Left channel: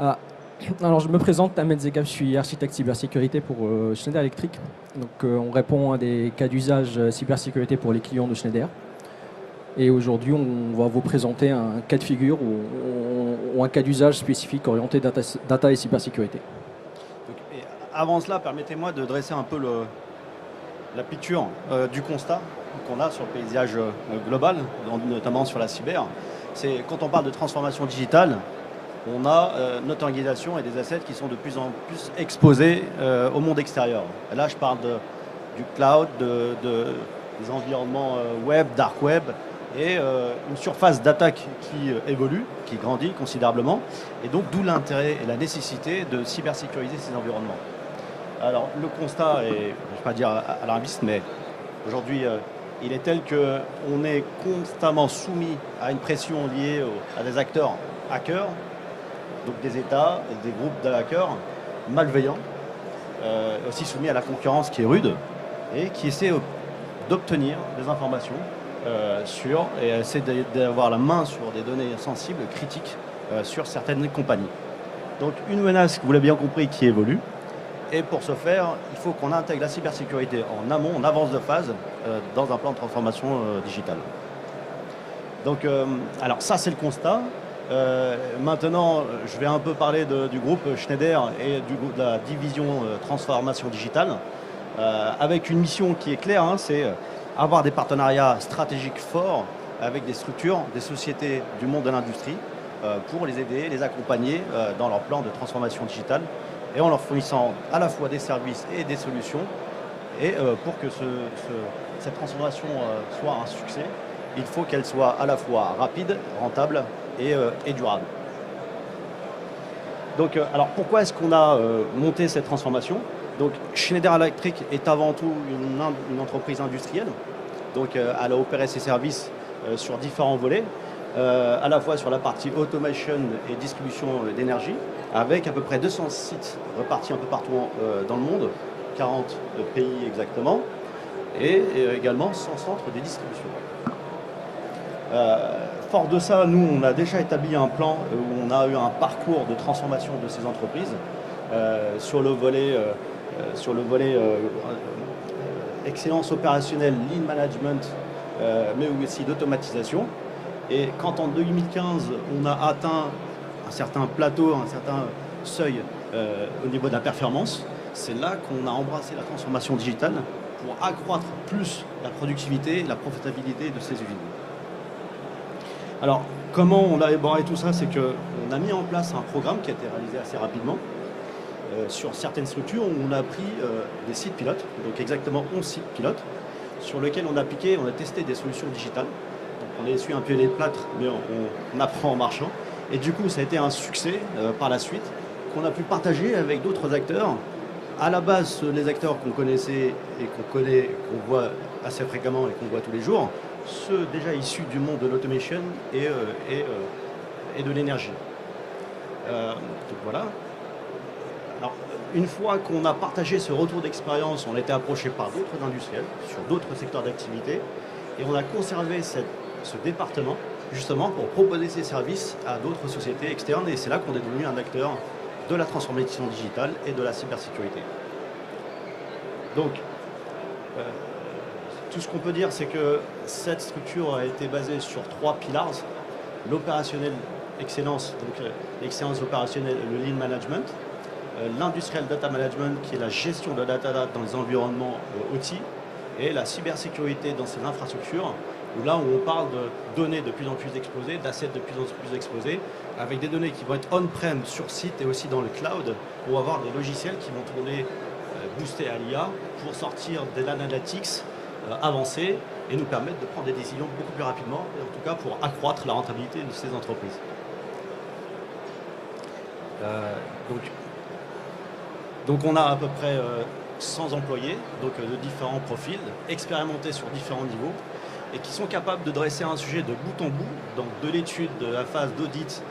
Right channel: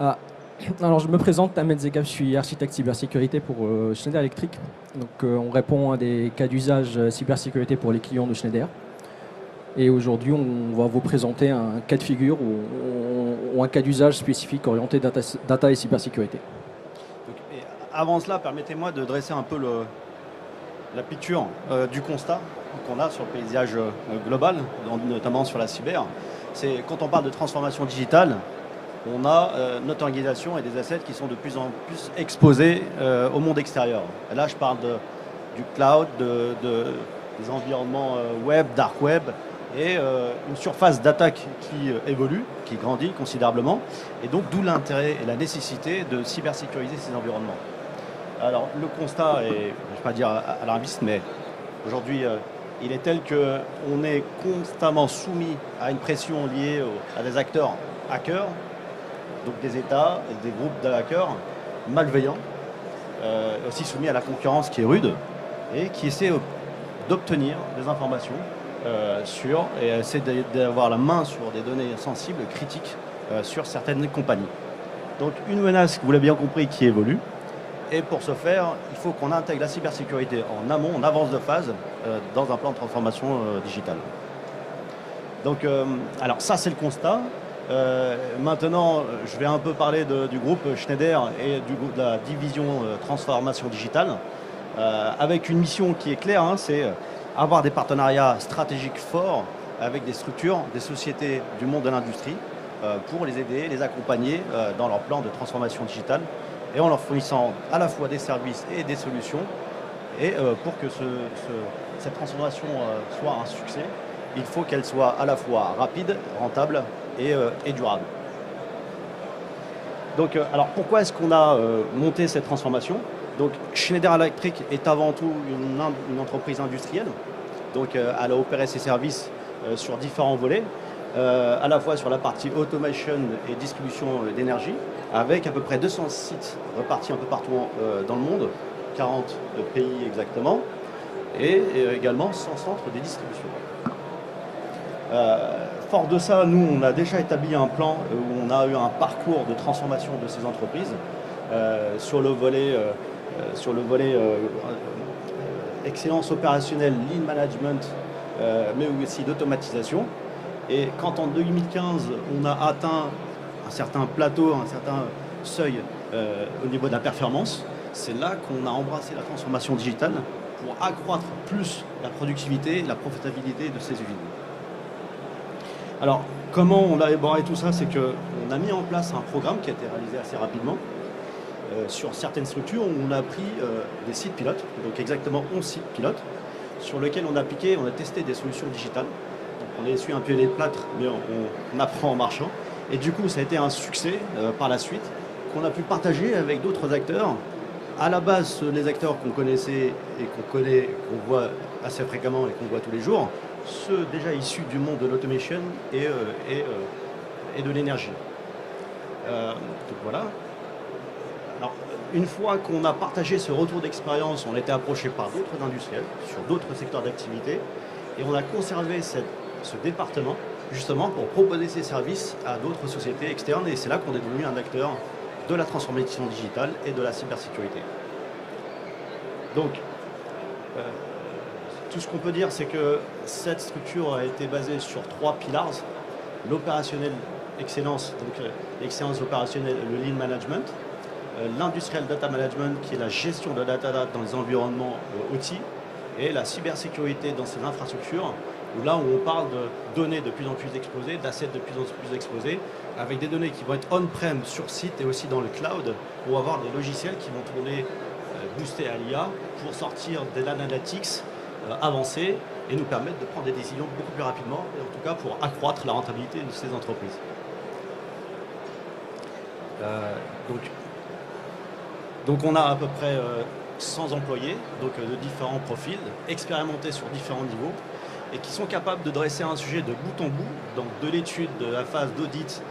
Ah, alors je me présente, Ahmed Zegab, je suis architecte cybersécurité pour Schneider Electric. Donc on répond à des cas d'usage cybersécurité pour les clients de Schneider. Et aujourd'hui on va vous présenter un cas de figure ou un cas d'usage spécifique orienté data et cybersécurité. Et avant cela, permettez-moi de dresser un peu la picture du constat qu'on a sur le paysage global, notamment sur la cyber. C'est quand on parle de transformation digitale, on a notre organisation et des assets qui sont de plus en plus exposés au monde extérieur. Et là, je parle du cloud, des environnements web, dark web, et une surface d'attaque qui évolue, qui grandit considérablement, et donc d'où l'intérêt et la nécessité de cybersécuriser ces environnements. Alors, le constat est, je ne vais pas dire alarmiste, mais aujourd'hui, il est tel qu'on est constamment soumis à une pression liée à des acteurs hackers, donc des États, des groupes de hackers malveillants, aussi soumis à la concurrence qui est rude et qui essaie d'obtenir des informations et essaie d'avoir la main sur des données sensibles, critiques sur certaines compagnies. Donc une menace, vous l'avez bien compris, qui évolue. Et pour ce faire, il faut qu'on intègre la cybersécurité en amont, en avance de phase, dans un plan de transformation digitale. Donc, alors ça c'est le constat. Maintenant, je vais un peu parler du groupe Schneider et de la division transformation digitale, avec une mission qui est claire, hein, c'est avoir des partenariats stratégiques forts avec des structures, des sociétés du monde de l'industrie, pour les aider, les accompagner dans leur plan de transformation digitale, et en leur fournissant à la fois des services et des solutions. Et pour que cette transformation soit un succès, il faut qu'elle soit à la fois rapide, rentable et durable. Donc, alors pourquoi est-ce qu'on a monté cette transformation? Donc, Schneider Electric est avant tout une entreprise industrielle. Donc, elle a opéré ses services sur différents volets, à la fois sur la partie automation et distribution d'énergie, avec à peu près 200 sites repartis un peu partout dans le monde, 40 pays exactement, et également 100 centres de distribution. Fort de ça, nous, on a déjà établi un plan où on a eu un parcours de transformation de ces entreprises sur le volet, excellence opérationnelle, lean management, mais aussi d'automatisation. Et quand en 2015, on a atteint un certain plateau, un certain seuil au niveau de la performance, c'est là qu'on a embrassé la transformation digitale pour accroître plus la productivité et la profitabilité de ces usines. Alors, comment on a élaboré tout ça? C'est qu'on a mis en place un programme qui a été réalisé assez rapidement sur certaines structures où on a pris des sites pilotes, donc exactement 11 sites pilotes, sur lesquels on a appliqué, on a testé des solutions digitales. Donc, on a essuyé un peu les plâtres, mais on apprend en marchant. Et du coup, ça a été un succès par la suite, qu'on a pu partager avec d'autres acteurs. À la base, des acteurs qu'on connaissait et qu'on voit assez fréquemment et qu'on voit tous les jours, ceux déjà issus du monde de l'automation et de l'énergie. Donc voilà. Alors, une fois qu'on a partagé ce retour d'expérience, on a été approché par d'autres industriels sur d'autres secteurs d'activité et on a conservé ce département justement pour proposer ces services à d'autres sociétés externes, et c'est là qu'on est devenu un acteur de la transformation digitale et de la cybersécurité. Donc, tout ce qu'on peut dire, c'est que cette structure a été basée sur 3 pillars: l'opérationnel excellence, donc l'excellence opérationnelle, le lean management, l'industrial data management, qui est la gestion de la data dans les environnements outils, et la cybersécurité dans ces infrastructures, où là où on parle de données de plus en plus exposées, d'assets de plus en plus exposés, avec des données qui vont être on-prem sur site et aussi dans le cloud, pour avoir des logiciels qui vont tourner boostés à l'IA pour sortir de l'analytics avancée et nous permettre de prendre des décisions beaucoup plus rapidement, et en tout cas pour accroître la rentabilité de ces entreprises. Donc on a à peu près 100 employés, donc de différents profils, expérimentés sur différents niveaux, et qui sont capables de dresser un sujet de bout en bout, donc de l'étude, de la phase d'audit,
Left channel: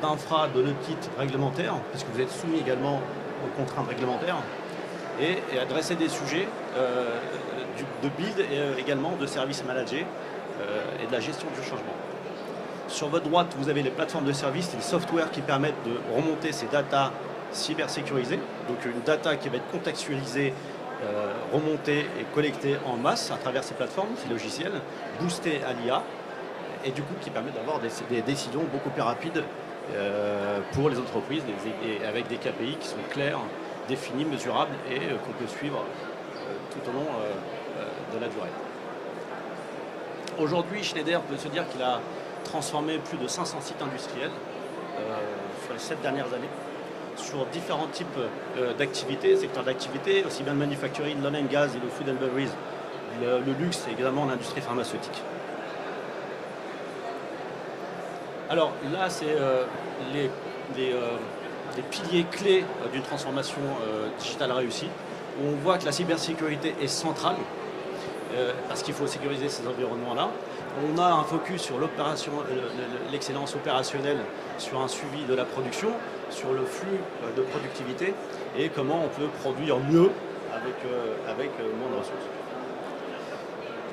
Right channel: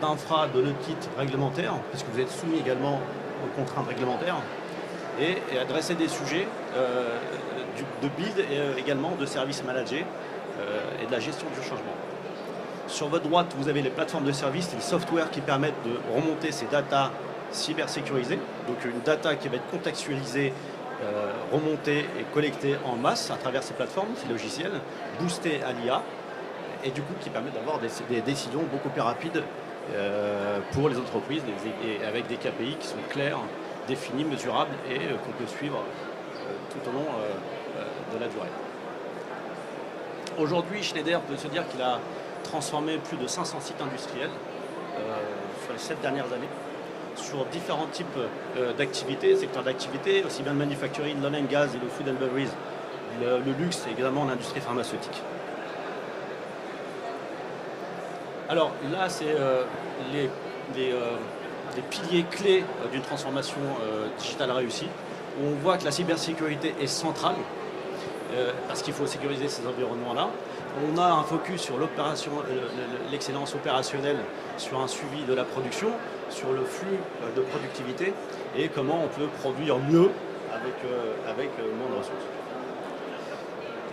d'infra, de l'audit réglementaire, puisque vous êtes soumis également aux contraintes réglementaires, et adresser des sujets de build et également de services managés et de la gestion du changement. Sur votre droite, vous avez les plateformes de services, les softwares qui permettent de remonter ces datas cybersécurisées. Donc une data qui va être contextualisée, remontée et collectée en masse à travers ces plateformes, ces logiciels, boostée à l'IA, et du coup qui permet d'avoir des décisions beaucoup plus rapides pour les entreprises, et avec des KPI qui sont clairs, définis, mesurables et qu'on peut suivre tout au long de la durée. Aujourd'hui, Schneider peut se dire qu'il a transformé plus de 500 sites industriels sur les 7 dernières années, sur différents types d'activités, secteurs d'activité, aussi bien le manufacturing, l'oil and gas et le food and beverage, le luxe et également l'industrie pharmaceutique. Alors là, c'est les piliers clés d'une transformation digitale réussie. On voit que la cybersécurité est centrale, parce qu'il faut sécuriser ces environnements-là. On a un focus sur l'excellence opérationnelle, sur un suivi de la production, sur le flux de productivité et comment on peut produire mieux avec moins de ressources.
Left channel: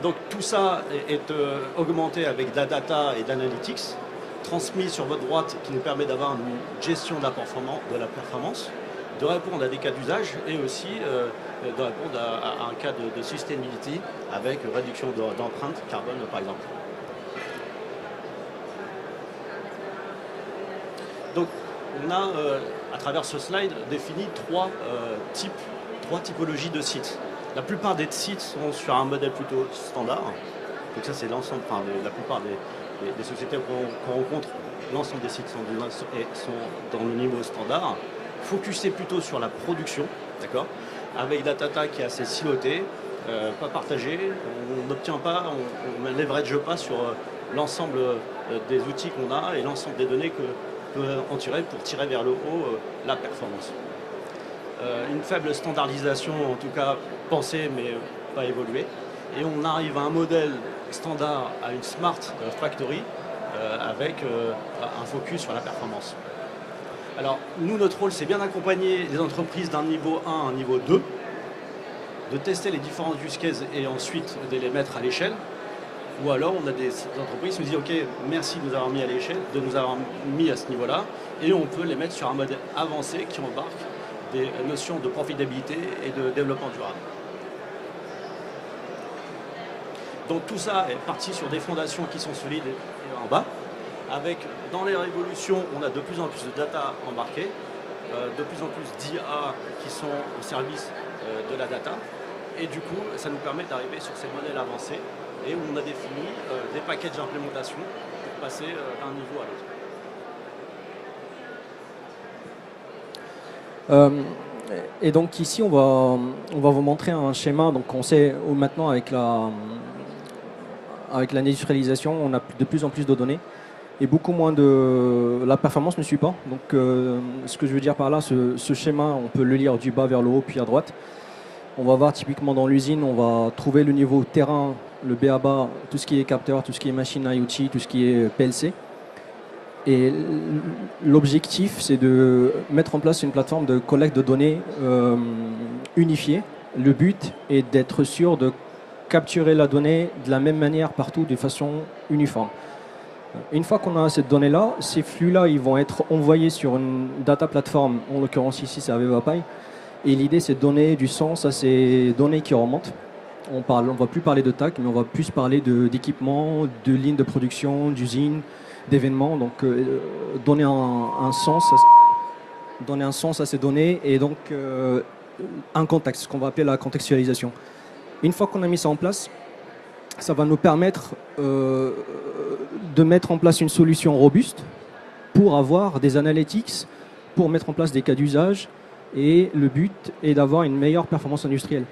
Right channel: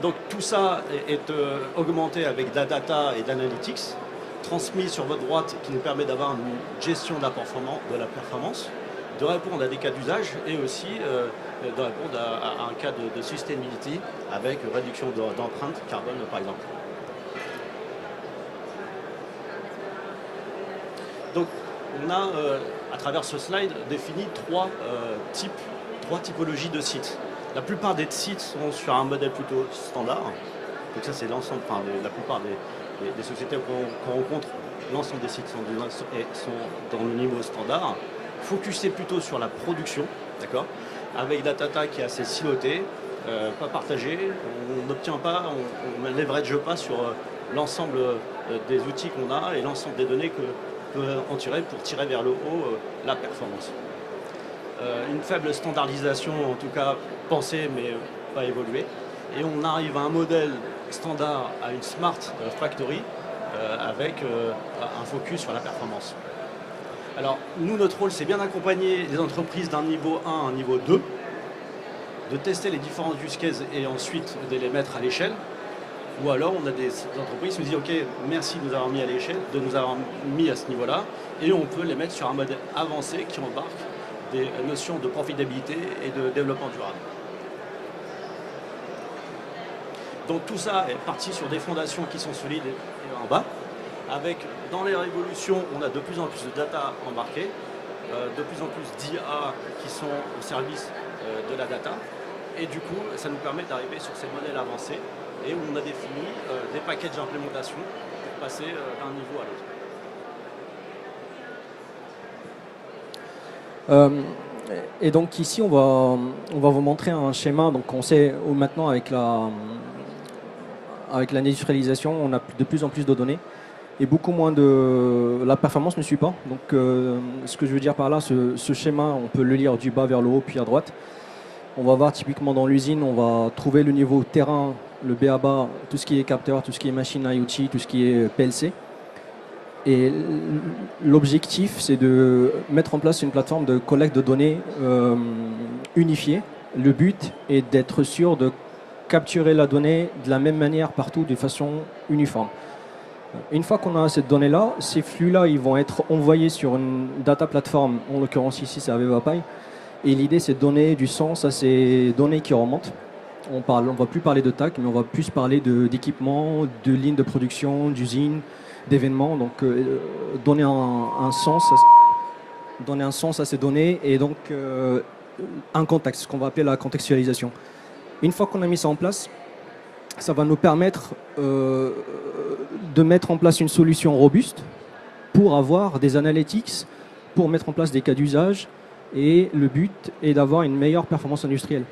Donc tout ça est augmenté avec de la data et d'analytics, transmis sur votre droite qui nous permet d'avoir une gestion de la performance, de répondre à des cas d'usage et aussi de répondre à un cas de sustainability avec réduction d'empreinte carbone par exemple. Donc on a à travers ce slide défini trois typologies de sites. La plupart des sites sont sur un modèle plutôt standard. Donc ça c'est l'ensemble, enfin la plupart des sociétés qu'on rencontre, l'ensemble des sites sont dans le niveau standard, focusé plutôt sur la production, d'accord, avec la data qui est assez silotée, pas partagée, on n'obtient pas, on ne leverage pas sur l'ensemble des outils qu'on a et l'ensemble des données qu'on peut en tirer pour tirer vers le haut la performance. Une faible standardisation, en tout cas pensée mais pas évoluée, et on arrive à un modèle standard, à une smart factory avec un focus sur la performance. Alors nous, notre rôle, c'est bien d'accompagner les entreprises d'un niveau 1 à un niveau 2, de tester les différents use cases et ensuite de les mettre à l'échelle. Ou alors on a des entreprises qui nous disent ok, merci de nous avoir mis à l'échelle, de nous avoir mis à ce niveau-là, et on peut les mettre sur un modèle avancé qui embarque des notions de profitabilité et de développement durable. Donc tout ça est parti sur des fondations qui sont solides en bas, avec dans les révolutions, on a de plus en plus de data embarquées, de plus en plus d'IA qui sont au service de la data, et du coup ça nous permet d'arriver sur ces modèles avancés et où on a défini des packages d'implémentation pour passer d'un niveau à l'autre. Et donc ici on va vous montrer un schéma. Donc on sait maintenant avec l'industrialisation, on a de plus en plus de données et beaucoup moins de... La performance ne suit pas. Donc ce que je veux dire par là, ce schéma, on peut le lire du bas vers le haut puis à droite. On va voir typiquement dans l'usine, on va trouver le niveau terrain, le BABA, tout ce qui est capteur, tout ce qui est machine IoT, tout ce qui est PLC. Et l'objectif, c'est de mettre en place une plateforme de collecte de données unifiée. Le but est d'être sûr de capturer la donnée de la même manière partout, de façon uniforme. Une fois qu'on a cette donnée-là, ces flux-là, ils vont être envoyés sur une data platform, en l'occurrence ici, c'est AvevaPy. Et l'idée, c'est de donner du sens à ces données qui remontent. On ne va plus parler de TAC, mais on va plus parler d'équipements, de lignes de production, d'usines, d'événements. Donc, donner un sens à ces données et donc un contexte, ce qu'on va appeler la contextualisation. Une fois qu'on a mis ça en place, ça va nous permettre de mettre en place une solution robuste pour avoir des analytics, pour mettre en place des cas d'usage. Et le but est d'avoir une meilleure performance industrielle.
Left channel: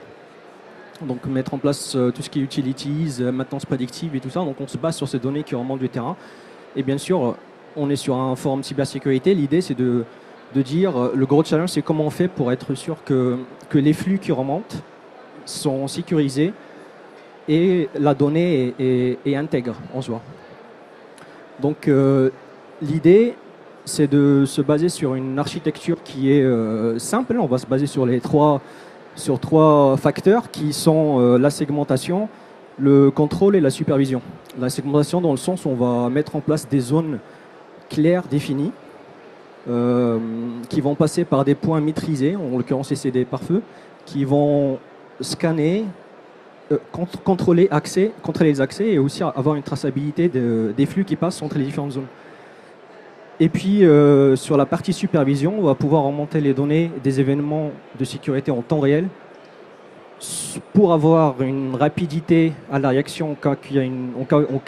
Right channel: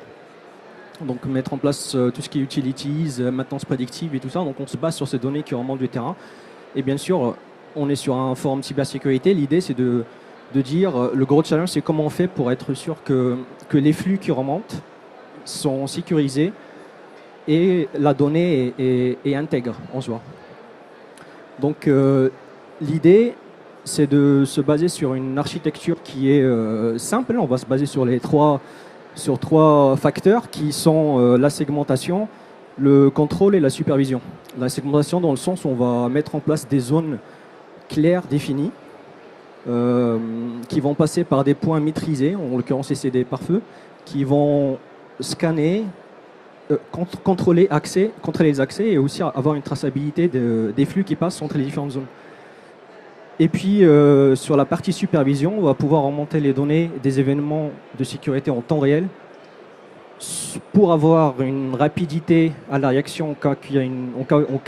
Donc mettre en place tout ce qui est utilities, maintenance prédictive et tout ça. Donc on se base sur ces données qui remontent du terrain. Et bien sûr, on est sur un forum cybersécurité. L'idée, c'est de dire, le gros challenge, c'est comment on fait pour être sûr que les flux qui remontent sont sécurisés et la donnée est intègre en soi. Donc l'idée, c'est de se baser sur une architecture qui est simple. On va se baser sur trois facteurs qui sont la segmentation, le contrôle et la supervision. La segmentation dans le sens où on va mettre en place des zones claires, définies, qui vont passer par des points maîtrisés, en l'occurrence c'est des pare-feux, qui vont scanner, contrôler les accès et aussi avoir une traçabilité des flux qui passent entre les différentes zones. Et puis sur la partie supervision, on va pouvoir remonter les données des événements de sécurité en temps réel pour avoir une rapidité à la réaction en cas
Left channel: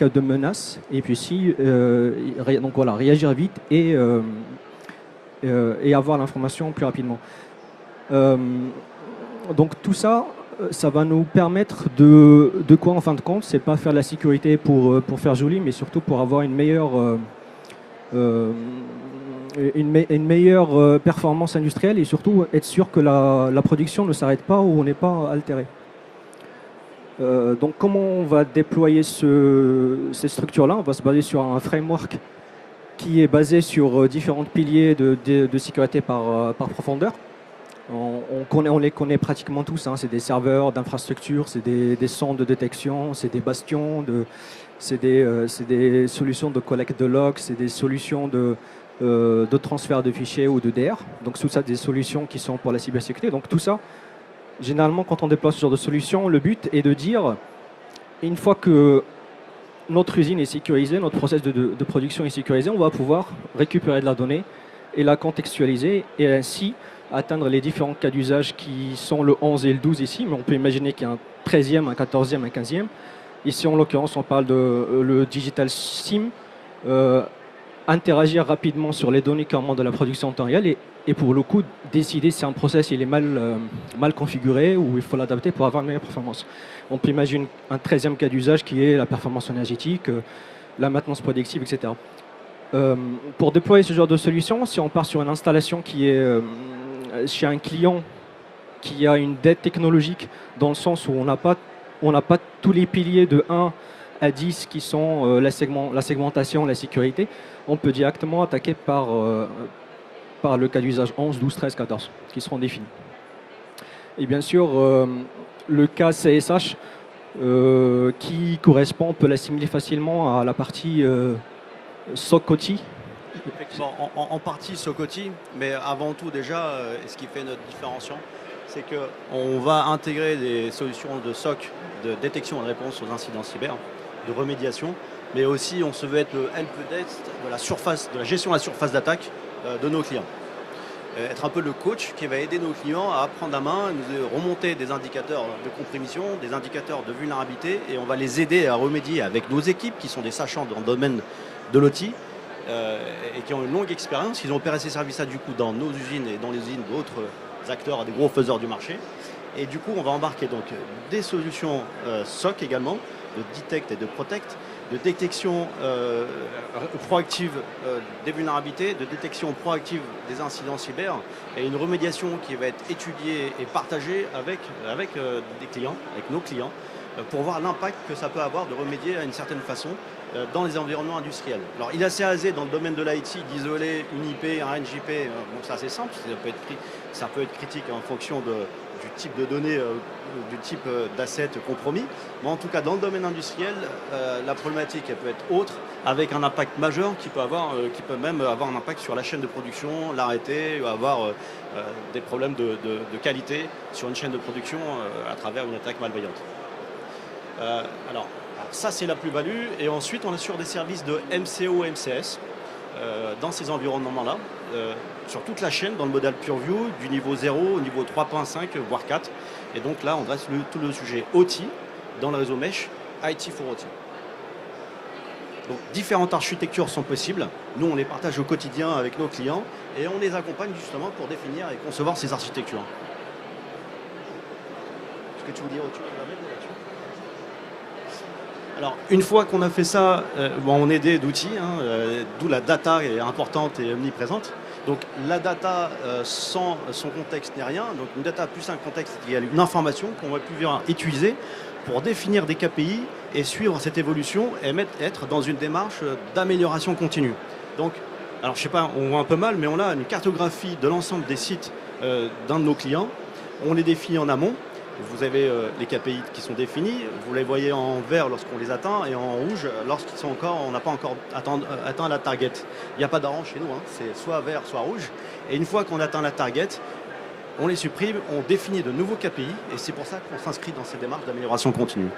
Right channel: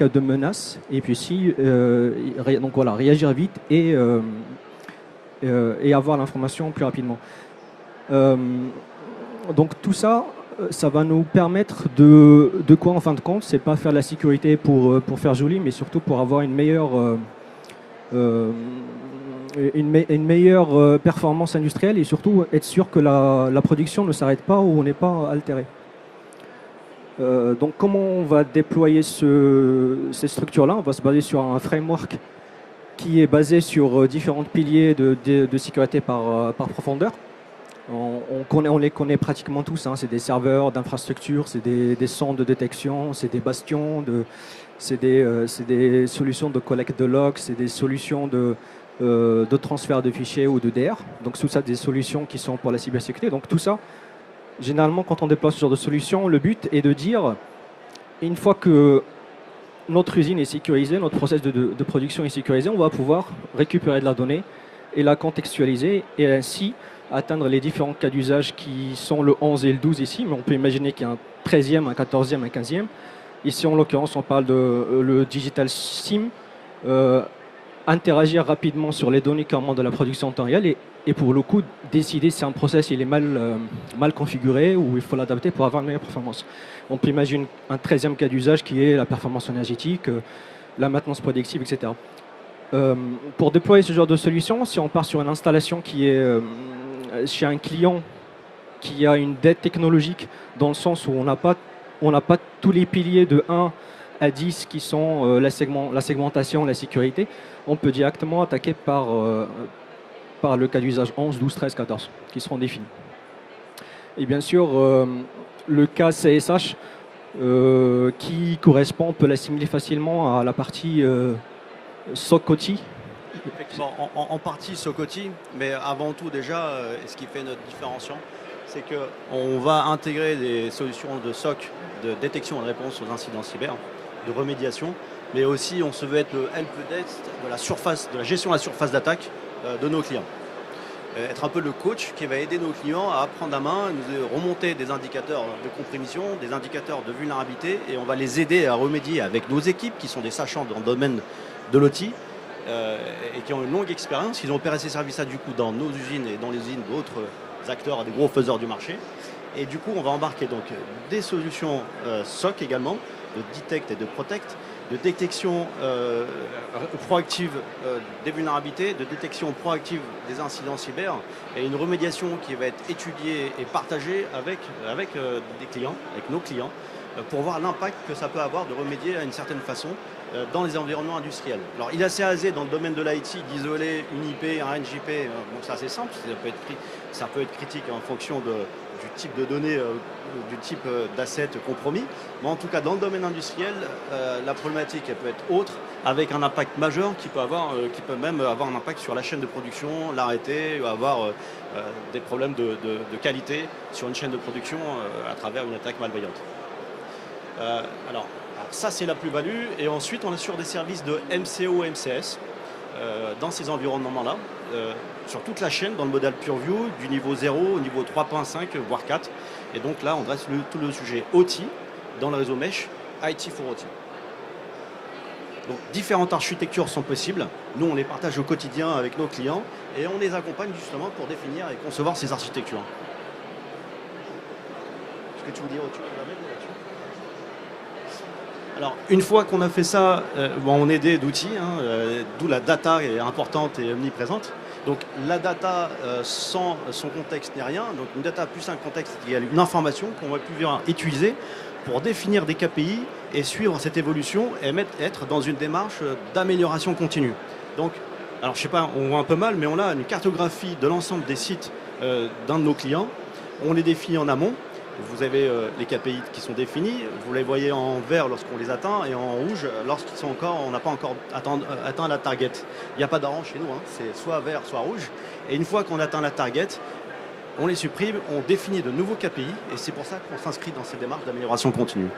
de menace, et puis aussi donc voilà, réagir vite et avoir l'information plus rapidement. Donc tout ça, ça va nous permettre de quoi en fin de compte, c'est pas faire la sécurité pour faire joli, mais surtout pour avoir une meilleure performance industrielle et surtout être sûr que la production ne s'arrête pas ou n'est pas altérée. Donc comment on va déployer ces structures-là? On va se baser sur un framework qui est basé sur différents piliers de sécurité par profondeur. On les connaît pratiquement tous, hein. C'est des serveurs d'infrastructure, c'est des centres de détection, c'est des bastions, c'est des solutions de collecte de logs, c'est des solutions de transfert de fichiers ou de DR. Donc tout ça, des solutions qui sont pour la cybersécurité. Donc tout ça, généralement quand on déploie ce genre de solution, le but est de dire, une fois que notre usine est sécurisée, notre process de production est sécurisé, on va pouvoir récupérer de la donnée et la contextualiser et ainsi atteindre les différents cas d'usage qui sont le 11 et le 12 ici, mais on peut imaginer qu'il y a un 13e, un 14e, un 15e. Ici, en l'occurrence, on parle de le digital SIM, interagir rapidement sur les données qui remontent de la production en temps réel et pour le coup, décider si un process il est mal configuré ou il faut l'adapter pour avoir une meilleure performance. On peut imaginer un 13e cas d'usage qui est la performance énergétique, la maintenance prédictive, etc. Pour déployer ce genre de solution, si on part sur une installation qui est chez un client qui a une dette technologique dans le sens où on n'a pas tous les piliers de 1 à 10 qui sont la segmentation, la sécurité, on peut directement attaquer par le cas d'usage 11, 12, 13, 14 qui seront définis. Et bien sûr, le cas CSH qui correspond, on peut l'assimiler facilement à la partie SOC-OT. En partie SOC-OT, mais avant tout déjà, ce qui fait notre différenciant, c'est qu'on va intégrer des solutions de SOC, de détection et de réponse aux incidents cyber, de remédiation, mais aussi on se veut être le helpdesk de la gestion de la surface d'attaque de nos clients. Être un peu le coach qui va aider nos clients à prendre la main, à nous remonter des indicateurs de compromission, des indicateurs de vulnérabilité, et on va les aider à remédier avec nos équipes qui sont des sachants dans le domaine de l'OT. Et qui ont une longue expérience, ils ont opéré ces services-là du coup dans nos usines et dans les usines d'autres acteurs, des gros faiseurs du marché. Et du coup, on va embarquer donc des solutions SOC également, de detect et de protect, de détection proactive des vulnérabilités, de détection proactive des incidents cyber et une remédiation qui va être étudiée et partagée avec des clients, avec nos clients, pour voir l'impact que ça peut avoir de remédier à une certaine façon dans les environnements industriels. Alors il est assez aisé dans le domaine de l'IT d'isoler une IP, un NJP, donc c'est assez simple, ça peut être critique en fonction du type de données, du type d'asset compromis, mais en tout cas dans le domaine industriel, la problématique elle peut être autre, avec un impact majeur qui peut même avoir un impact sur la chaîne de production, l'arrêter, avoir des problèmes de qualité sur une chaîne de production à travers une attaque malveillante. Alors, ça c'est la plus-value, et ensuite on est sur des services de MCO, MCS dans ces environnements-là, sur toute la chaîne dans le modèle PureView, du niveau 0 au niveau 3.5 voire 4, et donc là on dresse tout le sujet OT dans le réseau Mesh, IT for OT. Donc différentes architectures sont possibles, nous on les partage au quotidien avec nos clients et on les accompagne justement pour définir et concevoir ces architectures. Est-ce que tu veux dire autre chose ? Alors, une fois qu'on a fait ça, on est aidé d'outils, d'où la data est importante et omniprésente. Donc la data sans son contexte n'est rien. Donc une data plus un contexte, il y a une information qu'on va pouvoir utiliser pour définir des KPI et suivre cette évolution et être dans une démarche d'amélioration continue. Donc, alors je sais pas, on voit un peu mal, mais on a une cartographie de l'ensemble des sites d'un de nos clients. On les définit en amont. vous avez les KPI qui sont définis, vous les voyez en vert lorsqu'on les atteint et en rouge lorsqu'ils sont encore, on n'a pas encore atteint la target. Il n'y a pas d'orange chez nous, hein. C'est soit vert, soit rouge. Et une fois qu'on atteint la target, on les supprime, on définit de nouveaux KPI et c'est pour ça qu'on s'inscrit dans ces démarches d'amélioration continue.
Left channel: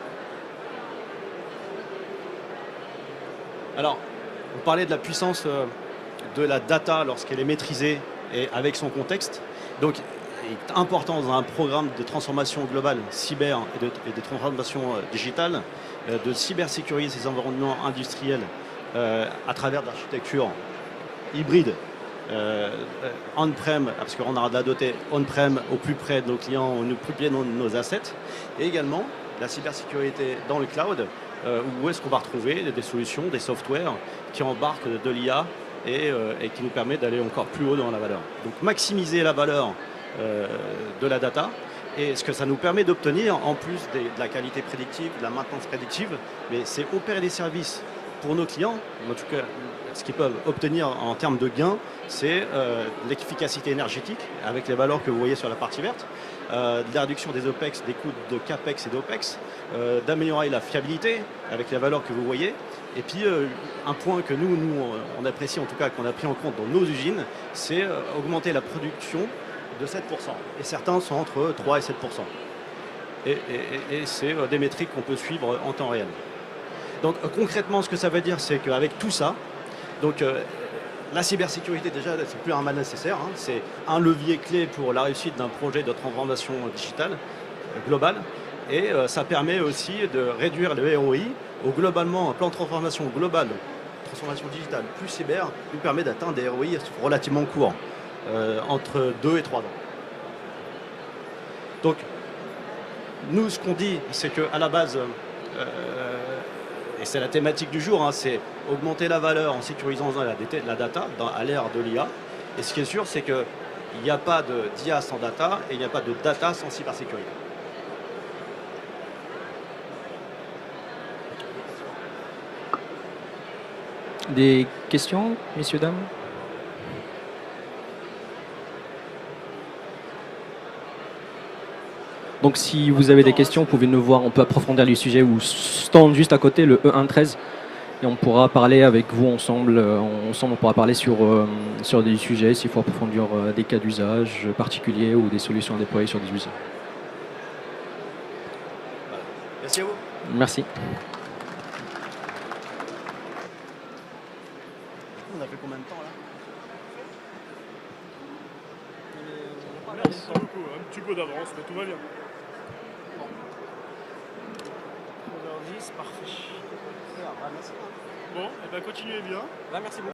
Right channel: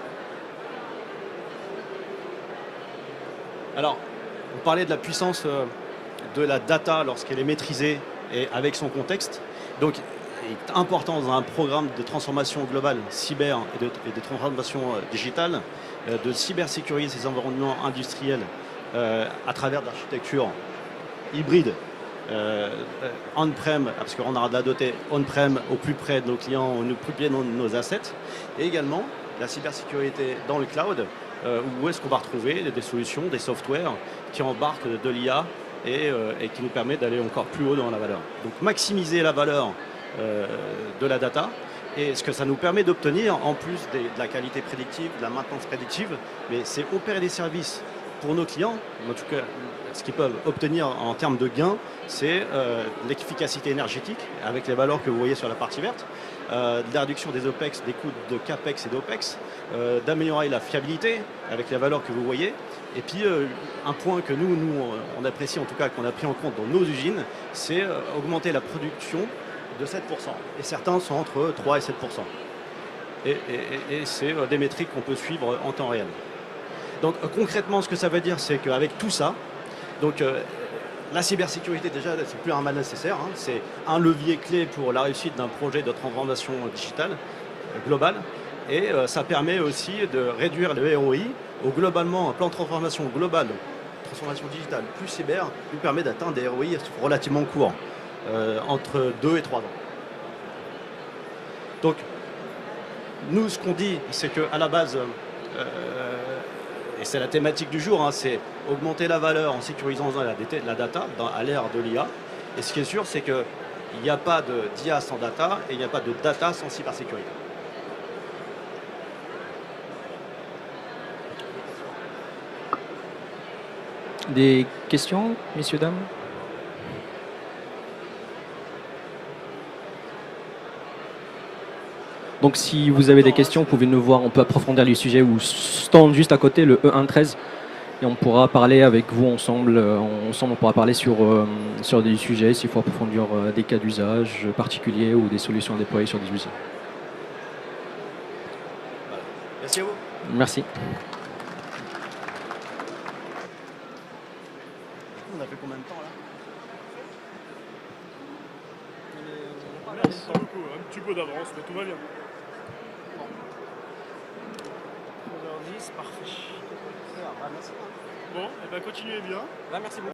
Alors, vous parlez de la puissance de la data lorsqu'elle est maîtrisée et avec son contexte. Donc, il est important dans un programme de transformation globale cyber et de transformation digitale de cybersécuriser ces environnements industriels à travers de l'architecture hybride on-prem, parce qu'on aura de la dotée on-prem au plus près de nos clients, au plus près de nos assets, et également la cybersécurité dans le cloud, où est-ce qu'on va retrouver des solutions, des softwares qui embarquent de l'IA et qui nous permettent d'aller encore plus haut dans la valeur. Donc maximiser la valeur de la data et ce que ça nous permet d'obtenir en plus de la qualité prédictive, de la maintenance prédictive, mais c'est opérer des services pour nos clients, en tout cas ce qu'ils peuvent obtenir en termes de gains, c'est l'efficacité énergétique avec les valeurs que vous voyez sur la partie verte, de la réduction des OPEX, des coûts de CAPEX et d'OPEX, d'améliorer la fiabilité avec les valeurs que vous voyez. Et puis un point que nous on apprécie, en tout cas qu'on a pris en compte dans nos usines, c'est augmenter la production de 7%. Et certains sont entre 3 et 7%. Et c'est des métriques qu'on peut suivre en temps réel. Donc concrètement, ce que ça veut dire, c'est qu'avec tout ça, donc la cybersécurité déjà, c'est plus un mal nécessaire, hein, c'est un levier clé pour la réussite d'un projet de transformation digitale globale, et ça permet aussi de réduire le ROI. Globalement, un plan de transformation globale, transformation digitale plus cyber, nous permet d'atteindre des ROI relativement courts, entre 2 et 3 ans. Donc, nous, ce qu'on dit, c'est qu'à la base, et c'est la thématique du jour, hein, c'est augmenter la valeur en sécurisant la data à l'ère de l'IA. Et ce qui est sûr, c'est qu'il n'y a pas d'IA sans data et il n'y a pas de data sans cybersécurité. Des questions, messieurs, dames? Donc si vous avez des questions, vous pouvez nous voir, on peut approfondir les sujets ou stand juste à côté, le E113, et on pourra parler avec vous ensemble, on pourra parler sur des sujets, s'il faut approfondir des cas d'usage particuliers ou des solutions à déployer sur des usines. Merci à vous. Merci. On a fait combien de temps là? Merci beaucoup, un petit peu d'avance, mais tout va bien. 10, parfait. Bon, et bien continuez bien. Merci beaucoup.